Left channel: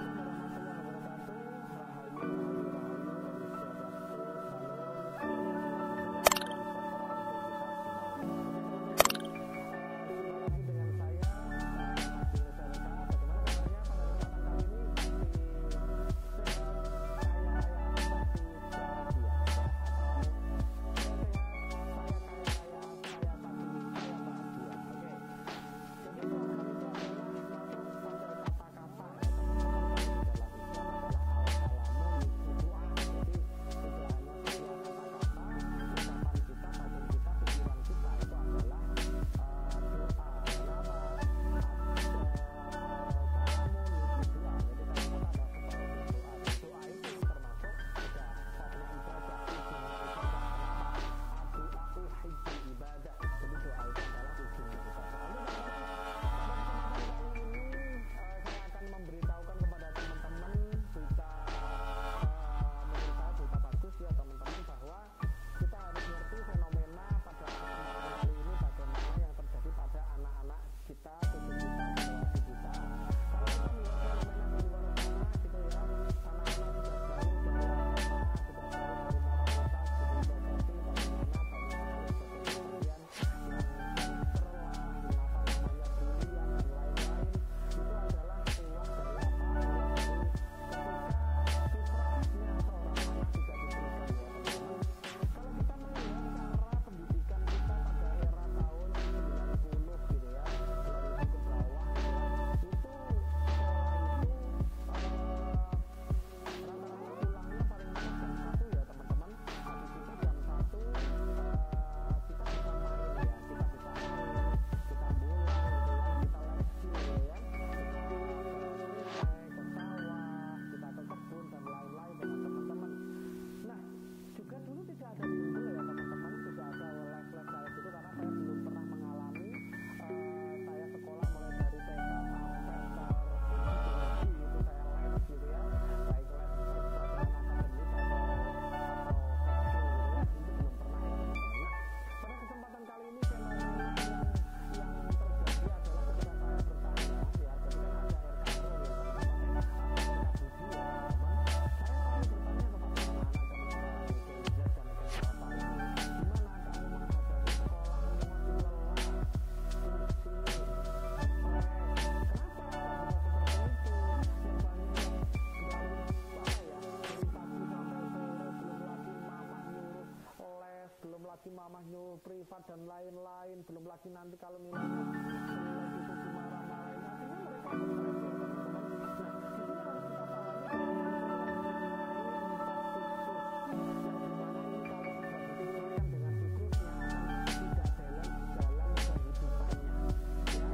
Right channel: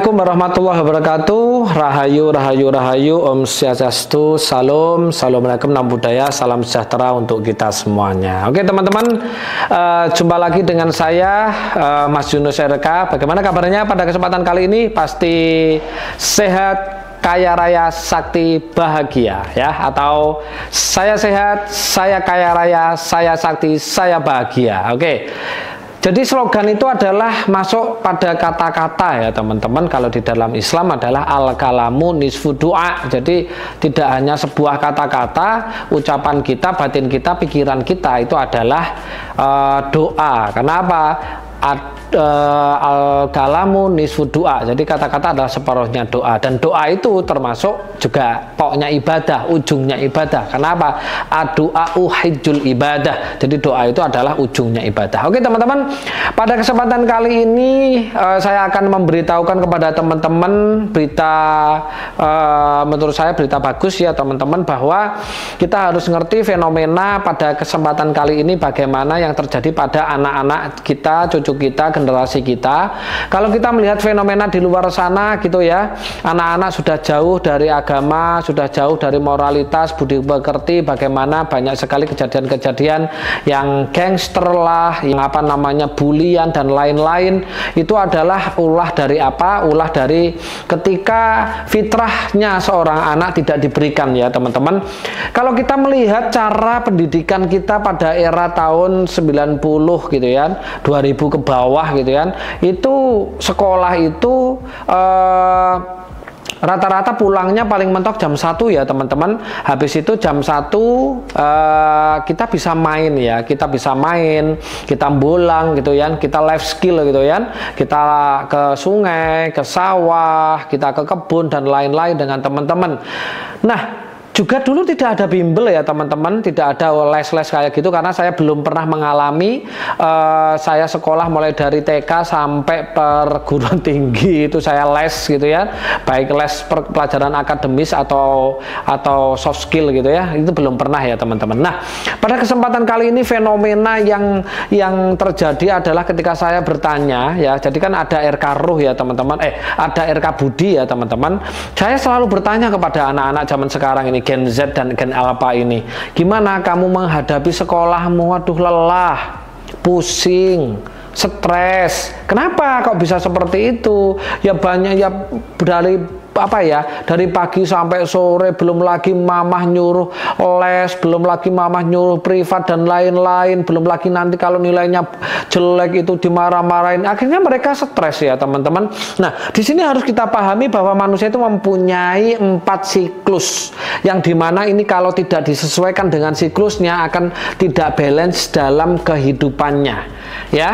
Assalamualaikum warahmatullahi wabarakatuh. Rahayu, rahayu, rahayu. Om Swastiastu, salam, assalamualaikum, nam budaya, salam sejahtera untuk kita semuanya. Oke teman-teman, jumpa lagi dengan saya Mas Yunus RK. Bagaimana kabarnya pada kesempatan kali ini? Pasti sehat, kaya raya, sakti, bahagia ya, atau saya sehat, saya kaya raya, saya sakti, saya bahagia. Oke. Jadi slogan itu adalah masuk pada kata-kata ya teman-teman. Kalau di dalam Islam adalah al-kalamu nisfu doa. Jadi tidak hanya sebuah kata-kata, ucapan kita, batin kita, pikiran kita itu adalah doa. Kenapa? Al-kalamu nisfu doa. Jadi kata-kata adalah separuhnya doa. Dan doa itu termasuk juga pokoknya ibadah, ujungnya ibadah. Kenapa? Ad-du'a'u hijjul ibadah. Jadi doa itu adalah ujungnya ibadah. Oke teman-teman, pada kesempatan kali ini saya akan memberitahukan kepada teman-teman berita, menurut saya berita bagus ya teman-teman, bahwa kita harus ngerti fenomena pada kesempatan kali ini bagaimana yang terjadi pada anak-anak kita, cucu kita, generasi kita. Kalau kita melihat fenomena di luar sana gitu ya, anak-anak sudah jauh dari agama, sudah jauh dari moralitas, budi pekerti, bagaimana banyak sekali kejadian-kejadian yang gangster lah, yang apa namanya bulian dan lain-lain. Itu adalah ulah dari apa? Ulah dari ketika fitrahnya seorang anak tidak diberikan ya teman-teman. Kalau kita melihat cara pendidikan kita pada era tahun 90 gitu ya, 2000 ke bawah gitu kan, itu sekolah itu rata-rata pulangnya paling mentok jam 1 ya teman-teman. Habis itu jam 1 kita bisa main ya, kita bisa main, kita bolang gitu ya, kita life skill gitu ya, kita ke sungai, ke sawah, kita ke kebun dan lain-lain dengan teman-teman. Nah, juga dulu tidak ada bimbel ya teman-teman, tidak ada les-les kayak gitu, karena saya belum pernah mengalami. Saya sekolah mulai dari TK sampai perguruan tinggi itu saya les gitu ya, baik les pelajaran akademis atau soft skill gitu ya, itu belum pernah ya teman-teman. Nah, pada kesempatan kali ini fenomena yang terjadi adalah ketika saya bertanya ya, jadi kan ada RK Ruh ya teman-teman, ada RK Budi ya teman-teman. Saya selalu bertanya kepada anak-anak zaman sekarang ini, Gen Z dan Gen Alpha ini, gimana kamu menghadapi sekolahmu? Waduh, lelah, pusing, stres. Kenapa kok bisa seperti itu? Ya banyak ya, dari apa ya, dari pagi sampai sore, belum lagi mamah nyuruh les, belum lagi mamah nyuruh privat dan lain-lain, belum lagi nanti kalau nilainya jelek itu dimarah-marahin. Akhirnya mereka stres ya teman-teman. Nah, di sini harus kita pahami bahwa manusia itu mempunyai 4 siklus, yang dimana ini kalau tidak disesuaikan dengan siklusnya akan tidak balance dalam kehidupannya ya.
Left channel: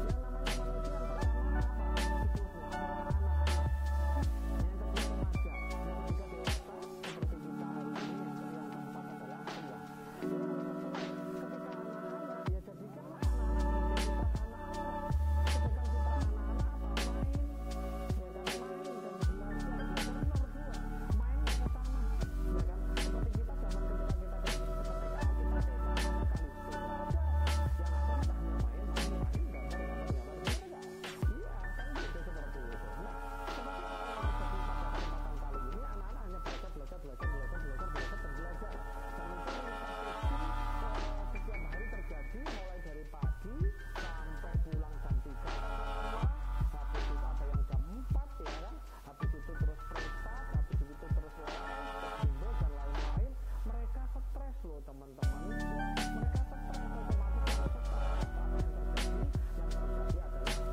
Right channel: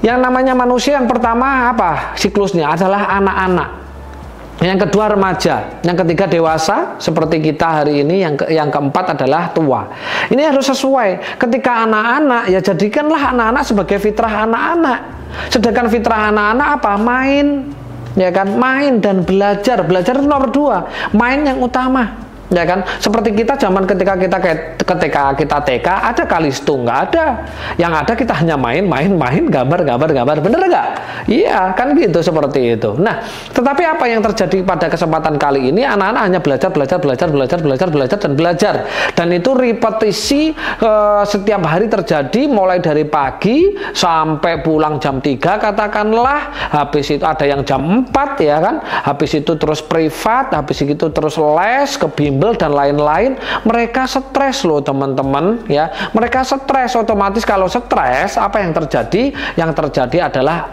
Yang namanya manusia, yang pertama apa siklusnya? Adalah anak-anak. Yang kedua remaja, yang ketiga dewasa seperti kita hari ini, yang keempat adalah tua. Ini harus sesuai. Ketika anak-anak, ya jadikanlah anak-anak sebagai fitrah anak-anak. Sedangkan fitrah anak-anak apa? Main, ya kan? Main dan belajar. Belajar itu nomor 2, main yang utama. Ya kan, seperti kita zaman ketika kita TK, ada kalisto? Nggak ada. Yang ada kita hanya main, gambar, bener nggak? Iya, kan gitu, seperti itu. Nah, tetapi apa yang terjadi pada kesempatan kali ini? Anak-anak hanya belajar, dan belajar. Dan itu repetisi setiap hari terjadi, mulai dari pagi sampai pulang jam 3 katakanlah. Habis itu ada yang jam 4 ya kan. Habis itu terus privat, habis itu terus les, ke bimbel dan lain-lain. Mereka stres loh teman-teman ya. Mereka stres, otomatis kalau stres apa yang terjadi? Yang terjadi adalah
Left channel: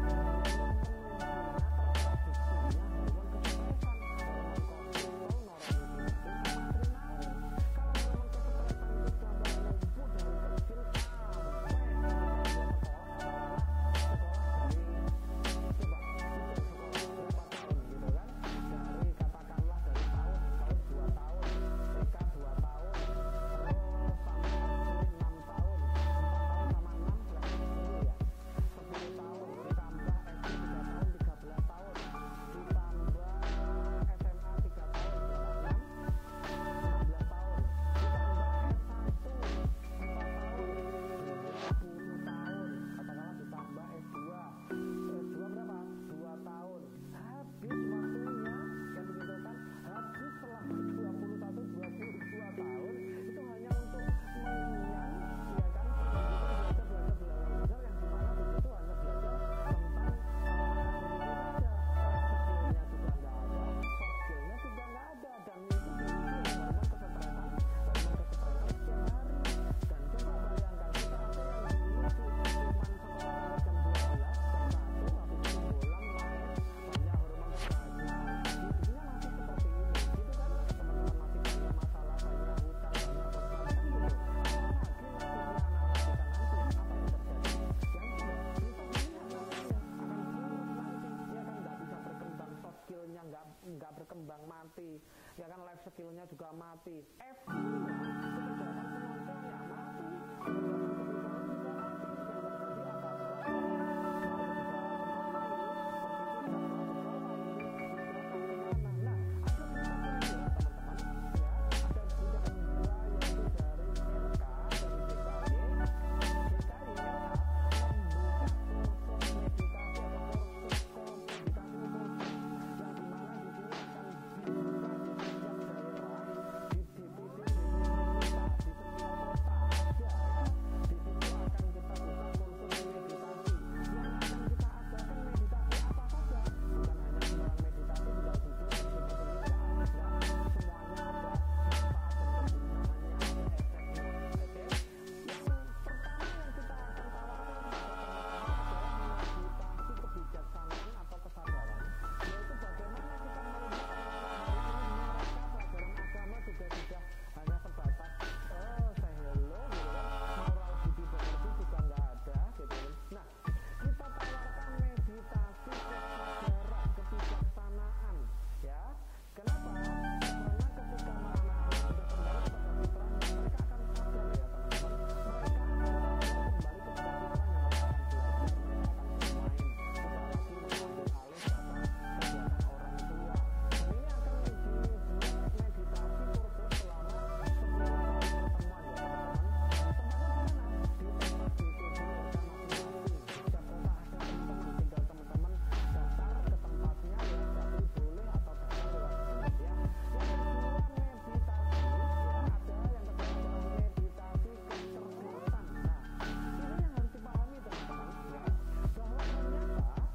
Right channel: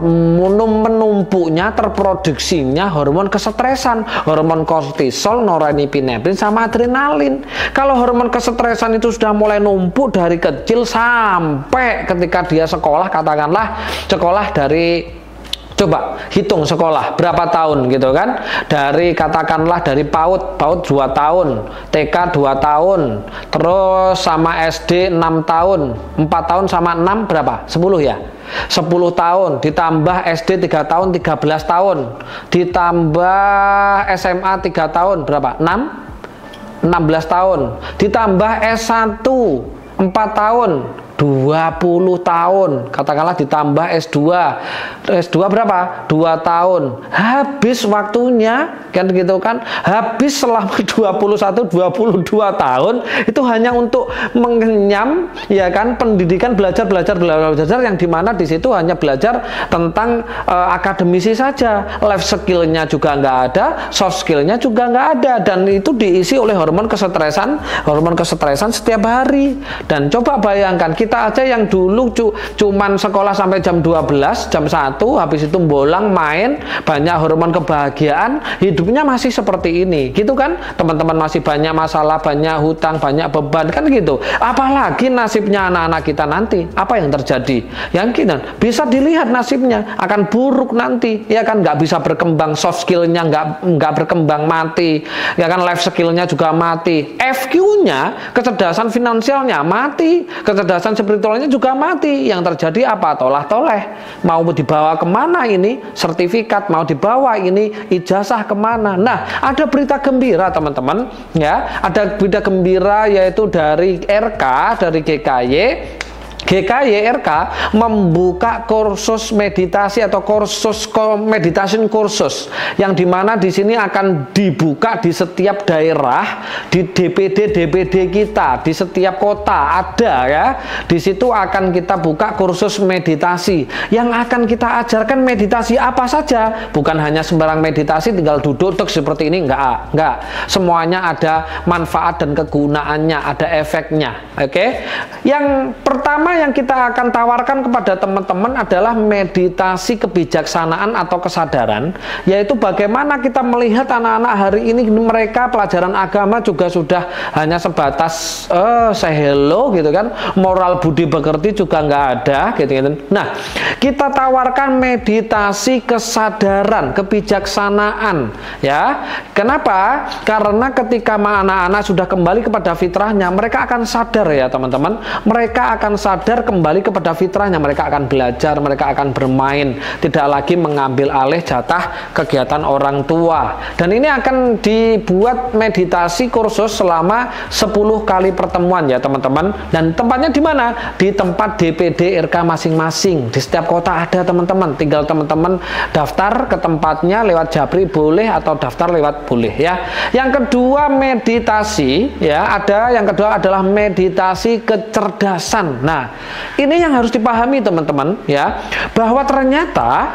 menumpuknya, terproduksinya hormon kesetresan, hormon kortisol, norepinefrin sama adrenalin. Kalau hormon kesetresan itu sudah mulai numpuk dari kecil sampai ketika dia sekolah, katakanlah sekolah dari, coba hitung sekolah berapa tahun gitu kan, dari katakanlah dari PAUD 2 tahun, TK 2 tahun, terus sama SD 6 tahun, 4 tahun sama 6 berapa? 10 ya? 10 tahun, ditambah SD 3 tahun, 13 tahun, ditambah SMA 3 tahun, berapa? 16 tahun, ditambah S1 4 tahun, 20 tahun, katakanlah ditambah S2. S2 berapa? 2 tahun. Habis waktunya, kan gitu kan? Habis selama 21-22 tahun itu hanya untuk mengenyam ya kan pendidikan belajar yang dimana di situ hanya belajar tentang akademisi saja. Life skill-nya juga nggak ada, soft skill-nya juga nggak ada, dan itu diisi oleh hormon kesetresan setiap hari. Dan coba bayangkan kita aja yang dulu cuman sekolah sampai jam 12, jam 1, habis itu bolang main, banyak hormon kebahagiaan, hidupnya masih seperti ini, gitu kan? Teman-teman masih banyak masalah, banyak hutang, banyak beban, kan gitu. Apalagi nasibnya anak-anak kita nanti, apa yang terjadi? Yang kita bisa dilihat nasibnya akan buruk nanti, ya kan? Nggak bisa berkembang, soft skill-nya nggak berkembang, mati, ya kan? Life skill-nya juga mati, FQ-nya, kecerdasan finansialnya mati, kecerdasan spiritualnya juga mati. Yang terjadi apa? Tolah-toleh. Mau dibawa kemana ini sertifikat, mau dibawa ini ijazah kemana? Nah, ada berita gembira teman-teman, ya, ada berita gembira yaitu dari RK, dari GKY RK membuka kursus meditasi atau meditation kursus yang dimana di sini akan dibuka di setiap daerah, di DPD kita, di setiap kota ada ya. Di situ akan kita buka kursus meditasi yang akan kita ajarkan meditasi apa saja, bukan hanya sembarang meditasi tinggal duduk seperti ini, enggak. Semuanya ada manfaat dan kegunaannya, ada efeknya. Oke. Yang pertama yang kita akan tawarkan kepada teman-teman adalah meditasi kebijaksanaan atau kesadaran, yaitu bagaimana kita melihat anak-anak hari ini mereka pelajaran agama juga sudah hanya sebatas say hello gitu kan, moral budi pekerti juga nggak ada gitu. Nah, kita tawarkan meditasi kesadaran, kebijaksanaan ya. Kenapa? Karena ketika anak-anak sudah kembali kepada fitrahnya, mereka akan sadar ya teman-teman, mereka akan sadar kembali kepada fitrahnya, mereka akan belajar, mereka akan bermain, tidak lagi mengambil alih jatah kegiatan orang tua. Dan ini akan dibuat meditasi kursus selama 10 kali pertemuan ya teman-teman. Dan tempatnya di mana? Di tempat DPD RK masing-masing. Di setiap kota ada teman-teman. Tinggal teman-teman daftar ke tempatnya lewat Japri boleh, atau daftar lewat boleh ya. Yang kedua meditasi ya, yang kedua adalah meditasi kecerdasan. Nah, ini yang harus dipahami teman-teman ya, bahwa ternyata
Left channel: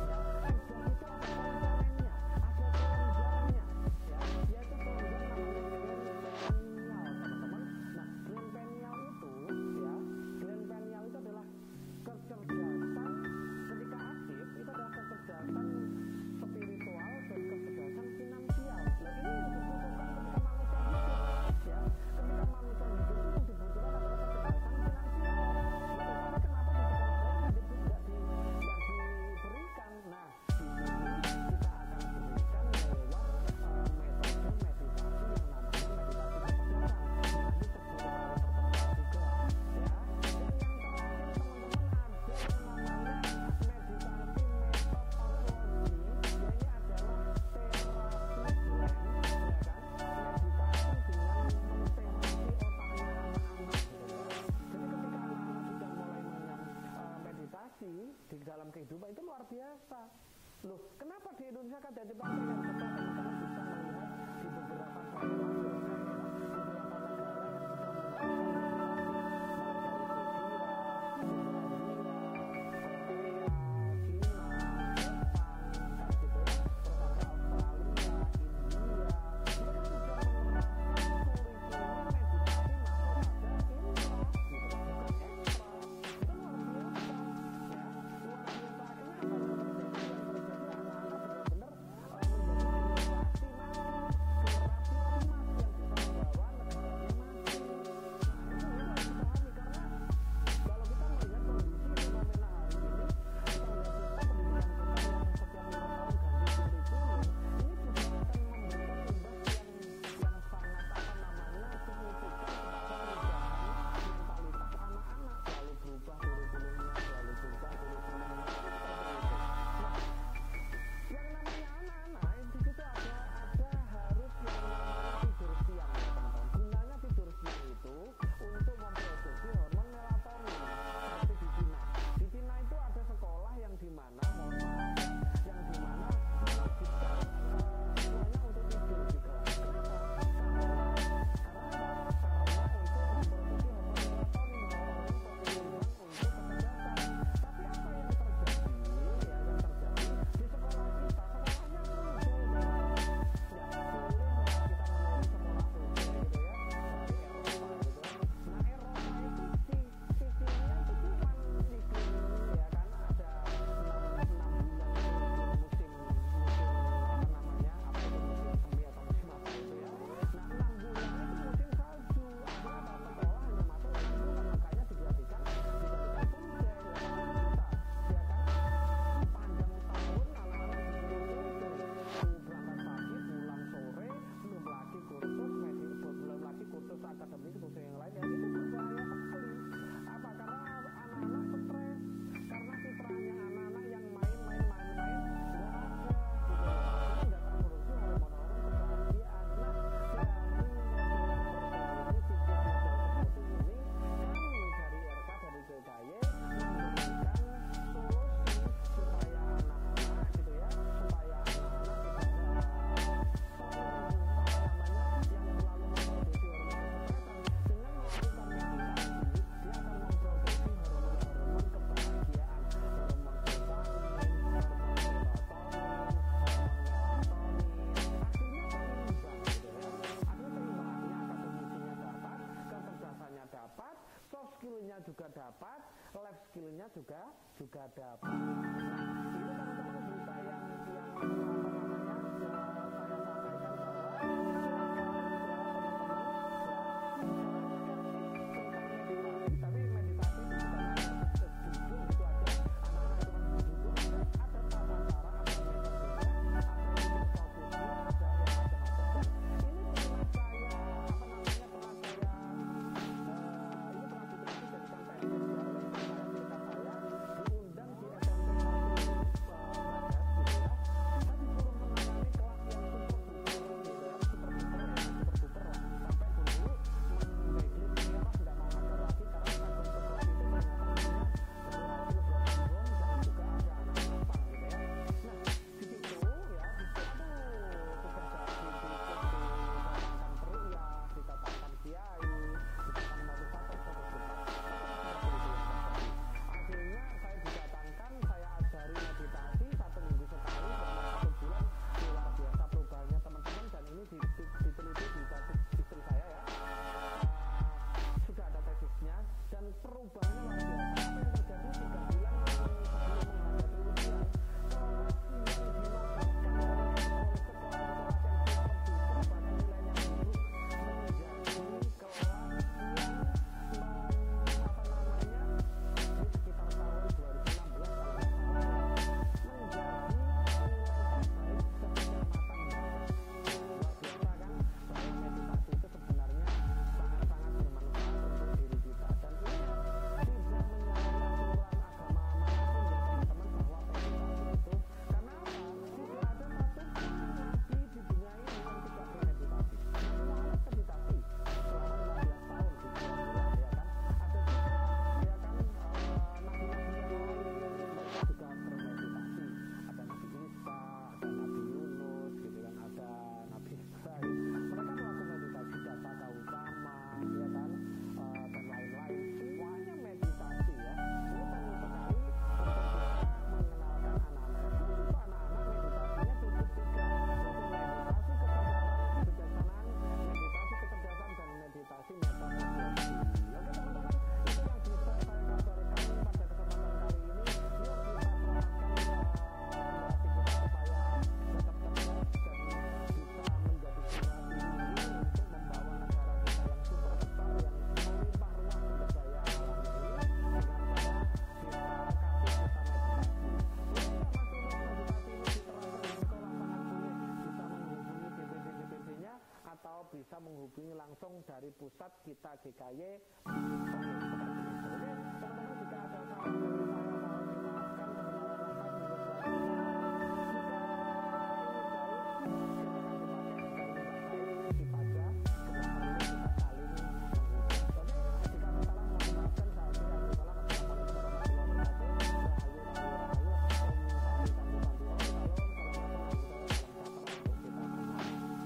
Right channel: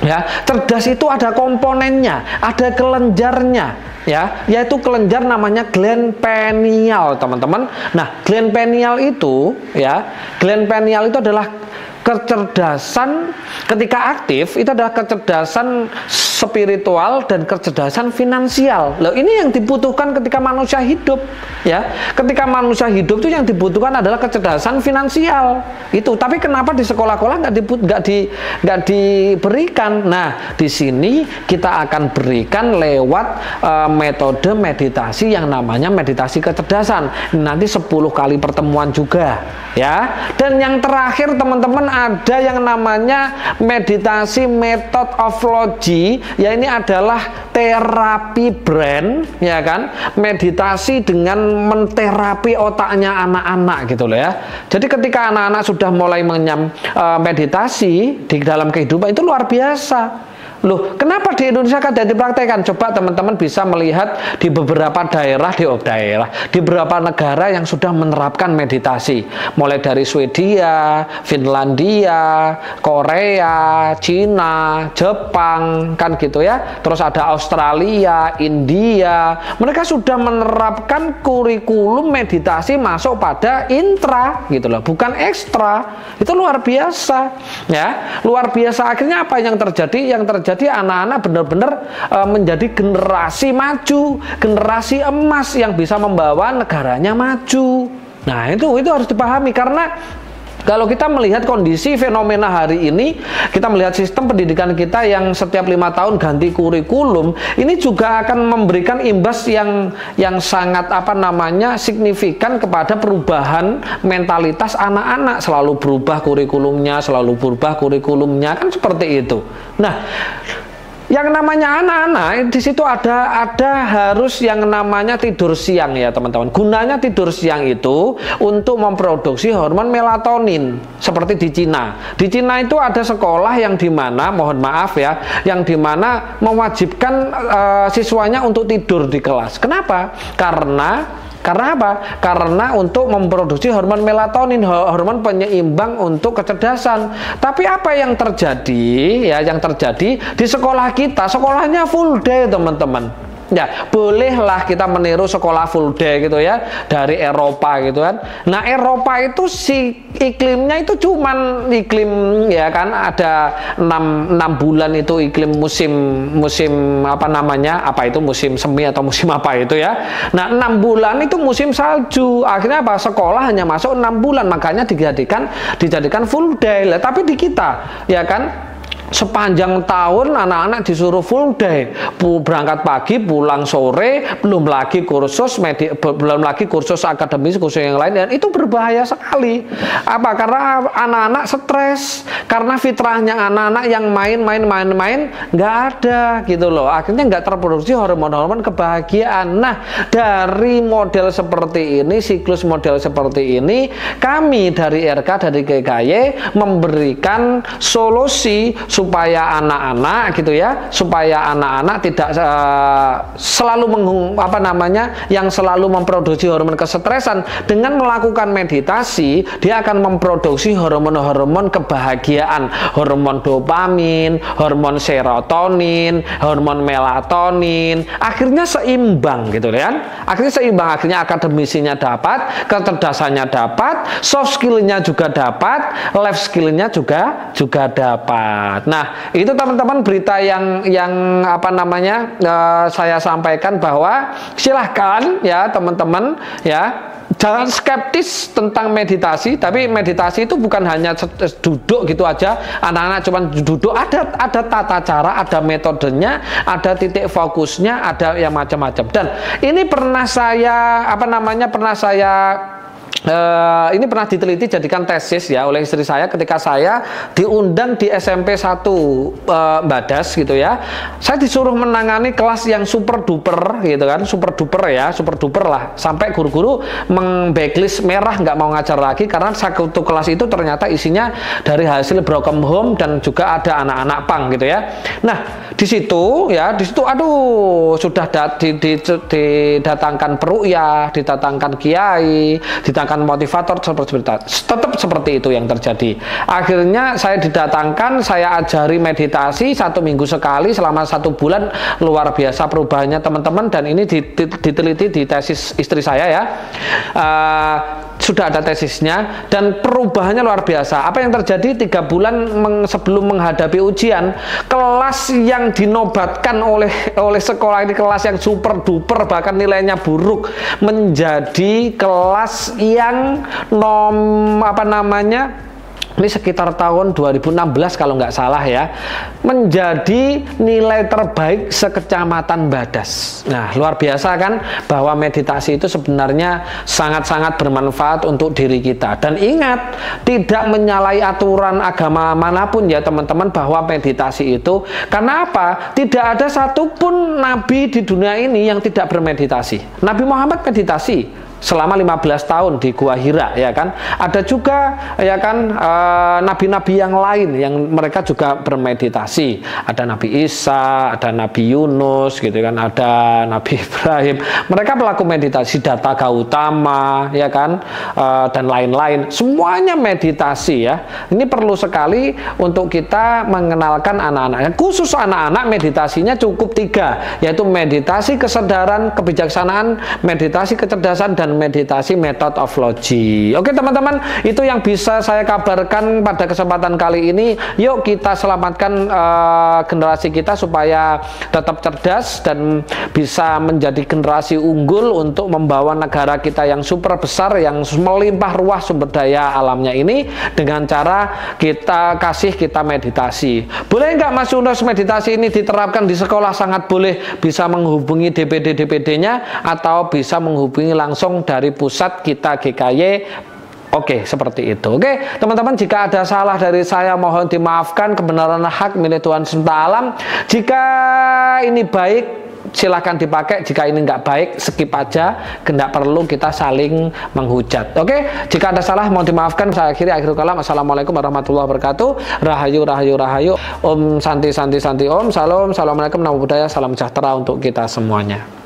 ya cerdas itu ada komponennya, ada kelenjarnya ya, yaitu kelenjar namanya gland pineal teman-teman. Nah, gland pineal itu ya, gland pineal itu adalah kecerdasan ketika aktif, itu adalah kecerdasan spiritual dan kecerdasan finansial. Loh, ini yang dibutuhkan ketika manusia hidup ya. Ketika manusia hidup itu yang dibutuhkan adalah kecerdasan finansial itu. Tapi kenapa di sekolah-sekolah nggak diberikan? Nah, di sini kita akan berikan lewat metode meditasi yang namanya meditasi kecerdasan. Nanti 10 kali pertemuan juga ya. Dan yang terakhir teman-teman, ada yang namanya meditasi method of logi, ya ini adalah terapi brain ya kan, meditasi dengan menterapi otaknya anak-anak gitu loh ya. Jadi ketika anak-anak sudah mulai mengenyam meditasi di dalam kehidupan itu luar biasa. Loh, kenapa di Indonesia kan tidak dipraktekkan? Coba teman-teman bisa melihat di beberapa daerah, di beberapa negara yang sudah menerapkan meditasi. Mulai dari Swedia, Finlandia, Korea, Cina, Jepang, kan gitu ya. Terus ada Australia, India. Mereka sudah menerapkan kurikulum meditasi masuk pada intra gitu loh, bukan ekstra. Itu luar biasa ya. Luar biasa. Akhirnya apa yang terjadi? Yang terjadi anak-anak benar-benar menjadi generasi maju, generasi emas yang bisa membawa negaranya maju. Nah, itu harus dipahami, karena kalau kita melihat kondisi fenomena hari ini, kita melihat sistem pendidikan kita yang setiap 5 tahun ganti kurikulum, ini juga akan memberikan imbas yang sangat signifikan kepada perubahan mentalitas anak-anak. Selalu berubah kurikulumnya, kan seperti itu. Nah, yang namanya anak-anak di situ ada harus yang namanya tidur siang ya teman-teman. Gunanya tidur siang itu untuk memproduksi hormon melatonin seperti di Cina. Di Cina itu ada sekolah yang dimana, mohon maaf ya, yang dimana mewajibkan siswanya untuk tidur di kelas. Kenapa? Karena apa? Karena untuk memproduksi hormon melatonin, hormon penyeimbang untuk kecerdasan. Tapi apa yang terjadi ya? Yang terjadi di sekolah kita, sekolahnya full day teman-teman. Ya, bolehlah kita meniru sekolah full day gitu ya dari Eropa gitu kan. Nah, Eropa itu si iklimnya itu cuman iklim ya kan, ada 6 bulan itu iklim musim apa namanya? Apa itu musim semi atau musim apa itu ya. Nah, 6 bulan itu musim salju. Akhirnya apa? Sekolah hanya masuk 6 bulan, makanya dijadikan full day. Lah, tapi di kita ya kan sepanjang tahun anak-anak disuruh full day, berangkat pagi pulang sore, belum lagi kursus akademis, kursus yang lain, dan itu berbahaya sekali. Apa? Karena anak-anak stres, karena fitrahnya anak-anak yang main nggak ada gitu loh, akhirnya nggak terproduksi hormon-hormon kebahagiaan. Nah, dari model seperti ini, siklus model seperti ini, kami dari RK, dari GKY memberikan solusi supaya anak-anak gitu ya, supaya anak-anak tidak selalu yang selalu memproduksi hormon kesetresan. Dengan melakukan meditasi, dia akan memproduksi hormon-hormon kebahagiaan, hormon dopamin, hormon serotonin, hormon melatonin. Akhirnya seimbang gitu kan? Akhirnya seimbang, akhirnya akademisinya dapat, kecerdasannya dapat, soft skill-nya juga dapat, life skill-nya juga dapat. Nah, itu teman-teman berita yang apa namanya saya sampaikan, bahwa silahkan ya teman-teman ya, jangan skeptis tentang meditasi. Tapi meditasi itu bukan hanya duduk gitu aja, anak-anak cuma duduk, ada tata cara, ada metodenya, ada titik fokusnya, ada yang macam-macam. Dan ini pernah saya ini pernah diteliti, jadikan tesis ya oleh istri saya ketika saya diundang di SMP 1 Badas gitu ya. Saya disuruh menangani kelas yang super duper gitu kan, super duper lah, sampai guru-guru meng-blacklist merah, nggak mau ngajar lagi karena satu kelas itu ternyata isinya dari hasil broken home dan juga ada anak-anak pang gitu ya. Nah, di situ aduh, sudah didatangkan peruqyah, didatangkan kiai, didatangkan motivator, tetap seperti itu yang terjadi. Akhirnya saya didatangkan, saya ajari meditasi 1 minggu sekali selama 1 bulan. Luar biasa perubahannya teman-teman, dan ini diteliti di tesis istri saya ya. Sudah ada tesisnya, dan perubahannya luar biasa. Apa yang terjadi 3 bulan sebelum menghadapi ujian, kelas yang dinobatkan oleh sekolah ini, kelas yang super duper bahkan nilainya buruk, menjadi kelas yang ini sekitar tahun 2016 kalau nggak salah ya, menjadi nilai terbaik sekecamatan Badas. Nah, luar biasa kan, bahwa meditasi itu sebenarnya sangat-sangat bermanfaat untuk diri kita. Dan ingat, tidak menyalahi aturan agama manapun ya teman-teman, bahwa meditasi itu, karena apa? Tidak ada satupun nabi di dunia ini yang tidak bermeditasi. Nabi Muhammad meditasi selama 15 tahun di Gua Hira ya kan. Ada juga ya kan nabi-nabi yang lain yang mereka juga bermeditasi. Ada Nabi Isa, ada Nabi Yunus gitu kan, ada Nabi Ibrahim. Mereka melakukan meditasi, Siddhartha Gautama ya kan, dan lain-lain. Semuanya meditasi ya. Ini perlu sekali untuk kita mengenalkan anak-anak. Khusus anak-anak, meditasinya cukup 3, yaitu meditasi kesadaran, kebijaksanaan, meditasi kecerdasan, dan meditasi method of logi. Oke teman-teman, itu yang bisa saya kabarkan pada kesempatan kali ini. Yuk kita selamatkan generasi kita supaya tetap cerdas dan bisa menjadi generasi unggul untuk membawa negara kita yang super besar, yang melimpah ruah sumber daya alamnya ini, dengan cara kita meditasi. Boleh nggak Mas Yunus meditasi ini diterapkan di sekolah? Sangat boleh. Bisa menghubungi DPD-DPD-nya atau bisa menghubungi langsung dari pusat kita GKY Oke, seperti itu. Oke, teman-teman, jika ada salah dari saya mohon dimaafkan, kebenaran hak milik Tuhan semesta alam. Jika ini baik, silakan dipakai. Jika ini nggak baik, skip aja. Nggak perlu kita saling menghujat. Oke, jika ada salah mohon dimaafkan. Saya akhiri akhirul kalam. Assalamualaikum warahmatullahi wabarakatuh. Rahayu, rahayu, rahayu. Om santi, santi, santi. Om, salam. Assalamualaikum, namo buddhaya. Salam sejahtera untuk kita semuanya.